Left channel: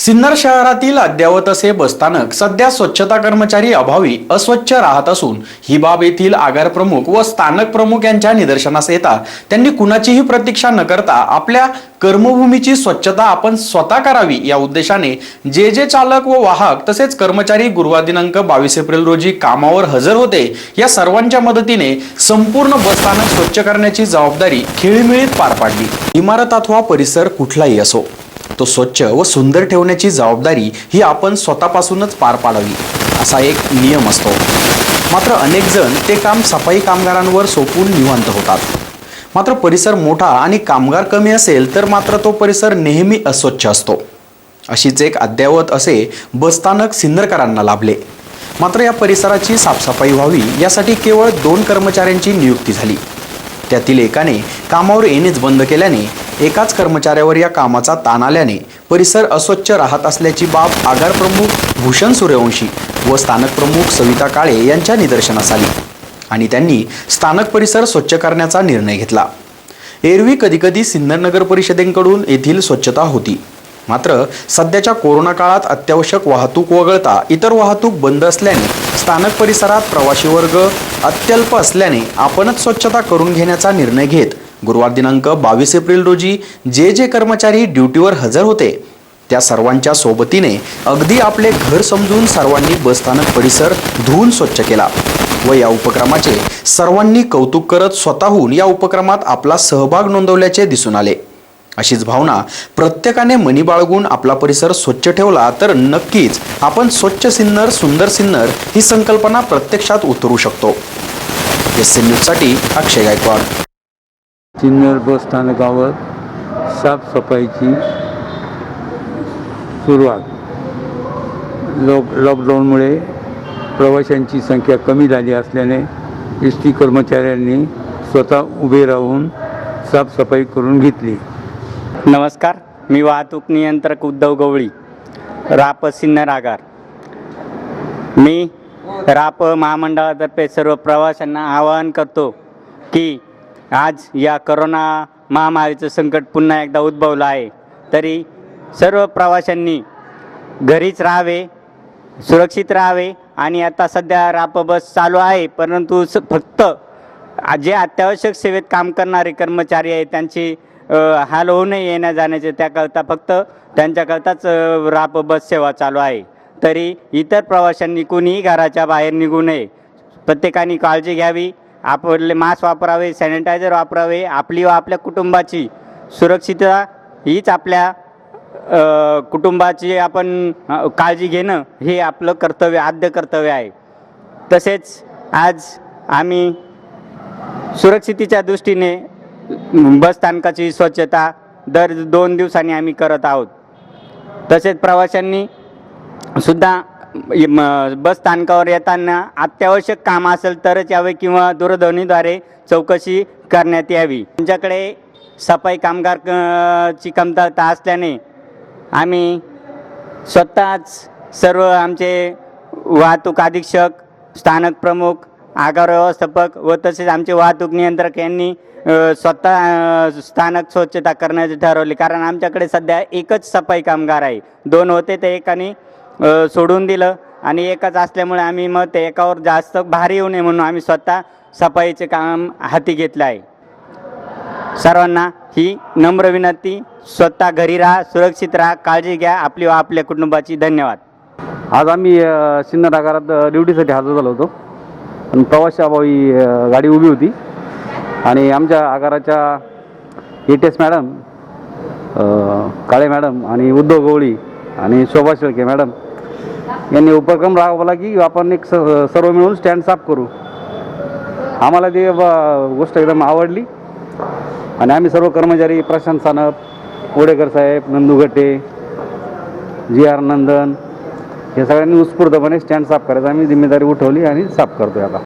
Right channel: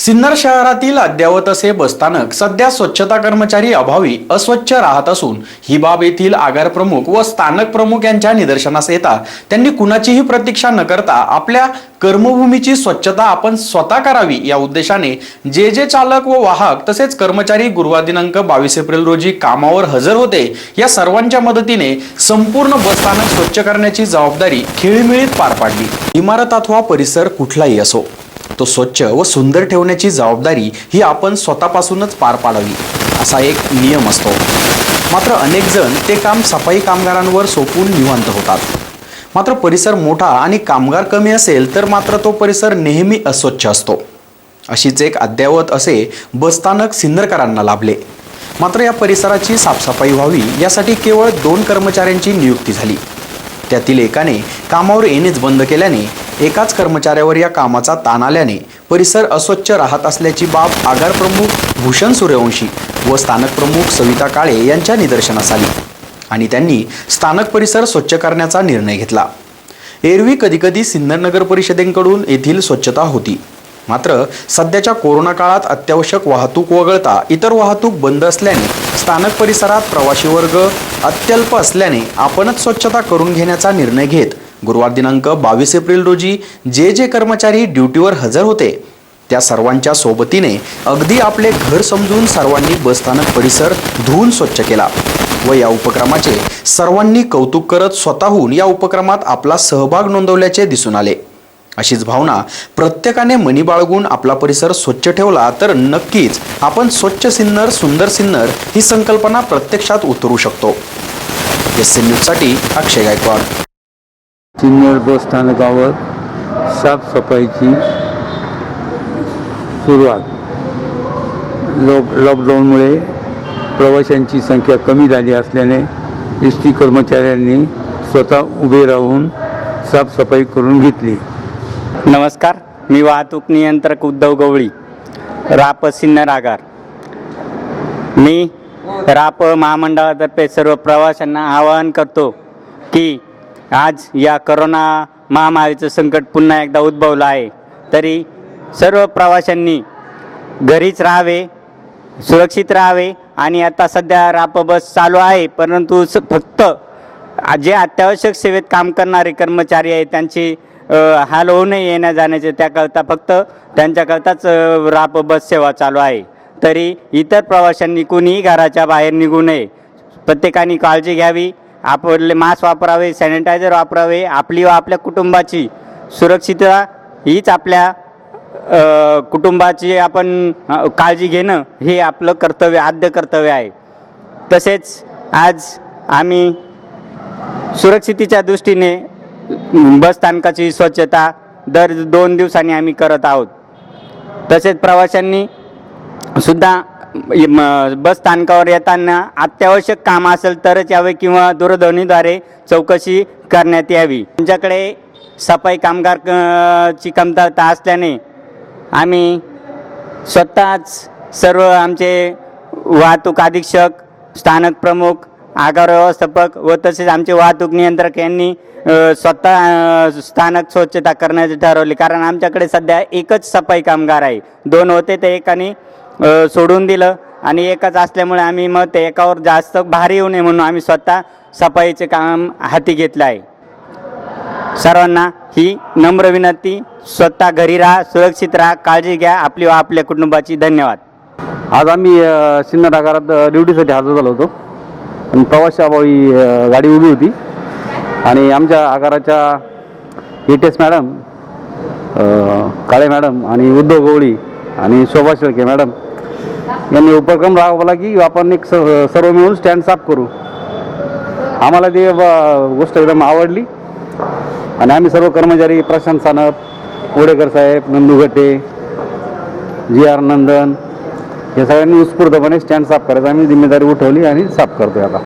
सिन्नर शहरातील अद्ययावत असे बसस्थानक सध्या स्वच्छता कर्मचारी अभावी अस्वच्छ राहत असून ही बाब येथील आगार प्रमुख व स्थानक प्रमुख यांच्या निदर्शनास येता. त्यांनी कुणाचीही प्रतीक्षा न करता आपल्या कर्मभूमीची स्वच्छता आपण स्वतः करावी या उद्देशाने जे जे चालक व वाहक तसेच कर्मचारी गुरुवार दिनांक बावीस एप्रिल रोजी कामावर हजर होते या सर्वांच्या मदतीने संपूर्ण बसस्थानक स्वच्छ करण्याची जबाबदारी खेळीमेळीत पार पाडली. इमारत अथवा परिसर कुठलाही असो. तो स्वच्छ व सुंदर ठेवण्याची जबाबदारी ही आपण स्वतःपासूनच पार पाडावी असा एक नियम असतो. मात्र अनेक जण ते काम सफाई कामगारांवर सोपून निवांत होतात. मात्र परिसर मोठा आणि कामगार कमी असेल तर मात्र तो परिसर नेहमी अस्वच्छ असतो. अशीच एक अद्ययावत असे बसस्थानक सिन्नरकरांना लाभले. मात्र या परिसराची साफसफाई व्हावी यासाठी केवळ दोन कर्मचाऱ्यांची नियुक्ती झाली. त्यातील एकाने कामावर येणेच बंद केल्याने एकाच कर्मचाऱ्यावर या कामाचा ताण आल्याने परिसर अस्वच्छ राहत असल्याची बाब आगार प्रमुख भूषण सूर्यवंशी व स्थानक प्रमुख सविता काळे यांच्या निदर्शनास आली आणि त्यांनी स्थानक परिसर स्वच्छ करण्याचा निर्णय घेतला. एरवी कधीकधी सिन्नर नगर परिषदेकडून येथील स्वच्छता होती. मात्र सध्याच्या कोरोना काळात अत्यावश्यक वाहतूक वगळता इतर वाहतूक बंद असल्याने स्थानक परिसरात प्रवासी वर्ग अत्यल्प असल्याने आपणच स्वच्छता करून घेण्याचा निर्णय घेत गुरुवार दिनांक बावीस एप्रिल रोजी जे जे कर्मचारी ड्युटीवर हजर होते त्या सर्वांच्या सोबतीने अगदी आपले घर समजून सर्वांनी बसस्थानक परिसर धुवून स्वच्छ केला व या उपक्रमाचे सर्वांनी कौतुक करत स्वतःहून या उपक्रमात आपला सहभाग नोंदवल्याचे दिसून आले. अशीच भावना प्रत्येकाने मनी बाळगून आपला परिसर स्वच्छ ठेवला तर नक्कीच आपण स्वच्छ सिन्नर सुंदर सिन्नर ही संकल्पना प्रत्यक्षात उतरू शकतो. एस सी न्यूजसाठी अक्षय गायकवाड. सिन्नर बस स्थानकावर साफसफाईची सुरुवात. लॉक लॉकडाऊनमुळे प्रवाशांची संख्या कमी झाली असल्याने एस टी कर्मचाऱ्यांनी स्वतः उभे राहून साफसफाई करून घेतली. नमस्कार मी वाहतूक नियंत्रक उद्धव गवळी राप सिन्नर आगार. मी राप महामंडळातर्फे सर्व प्रवाशांना आवाहन करतो की आज या करोना महामारीचं संकट पुन्हा एकदा उद्भवलं आहे. तरी सर्व प्रवाशांनी घरीच राहावे सुरक्षित राहावे आणि आता सध्या राप बस चालू आहे. परंतु स फक्त जे अत्यावश्यक सेवेत काम करणारे कर्मचारी आहेत त्यांची हाल होऊ नये येण्या जाण्याचे त्याकरता फक्त त्यांच्याकरताच राप बस सेवा चालू आहे. तरी इतर प्रवाशांनी कुणीही घराच्या बाहेर निघू नये. प्रत्येकाने काळजी घ्यावी. आपले मास्क वापरावे सॅनिटायझर वापरावे आपली व आपल्या कुटुंबाची सुरक्षितता हीच आपल्या कुटुंबाची आपण काळजी घेणं हे आपलं कर्तव्य आद्य कर्तव्य आहे. तसेच आज आम्ही सुरक्षितेच्या दृष्टीने बस स्थानकाची स्वच्छता दर दोन दिवसांनी आम्ही करत आहोत. तसेच प्रवाशांनी सुद्धा बस स्थानकावर येताना अत्यावश्यक काम असेल तरच यावे किंवा दूरध्वनीद्वारे चौकशी करण्यात यावी. आमच्याकडे सफाई कामगार क- ची कमतरता असल्याने आम्ही स्वतःच सर्व आमचे वाहतूक अधीक्षक स्थानक प्रमुख आगार व्यवस्थापक व तसेच आमचे वाहतूक नियंत्रक यांनी स्वतः स्थानक स्वच्छता करण्याचे ठरवले. कारण आमच्याकडे सध्या एकच सफाई कामगार आहे. दोन होते ते एकाने सोडून दिलं. आणि एकच असल्यामुळे आम्ही मग ते एकावर जास्त भारी येऊ नये म्हणून आम्ही स्वतः सफाईचे काम हाती घेतलं आहे. सर्वांना ही नम्र विनंती स्वतः घरी राहा सुरक्षित राहा काळजी घ्या आपली व आपल्या कुटुंबाची धन्यवाद. आज आम्ही सिन्नर आगारात ड्युटीसाठी हजर झालो होतो. पण प्रवाशाभावी गाडी उभी होती. आणि आमच्या आगाराच्या A T S madam Kale madam आणि उद्धव गवळी आणि शोभा शेळके मॅडम यांनी उपक्रम राबवला की आपण एक स सर्व मिळून स्टँड साफ करू. आम्हाला ती गोष्ट एकदम आवडली. आणि आम्ही सर्व कर्मचारी प्रशांत सानप ओडेकर साहेब नंदू गटे जी आर नंदन हे सगळ्यांनी उत्स्फूर्तपणे स्टँड साफ करायचं. आम्ही जिम्मेदारी उठवली आणि साफ करतोय आता.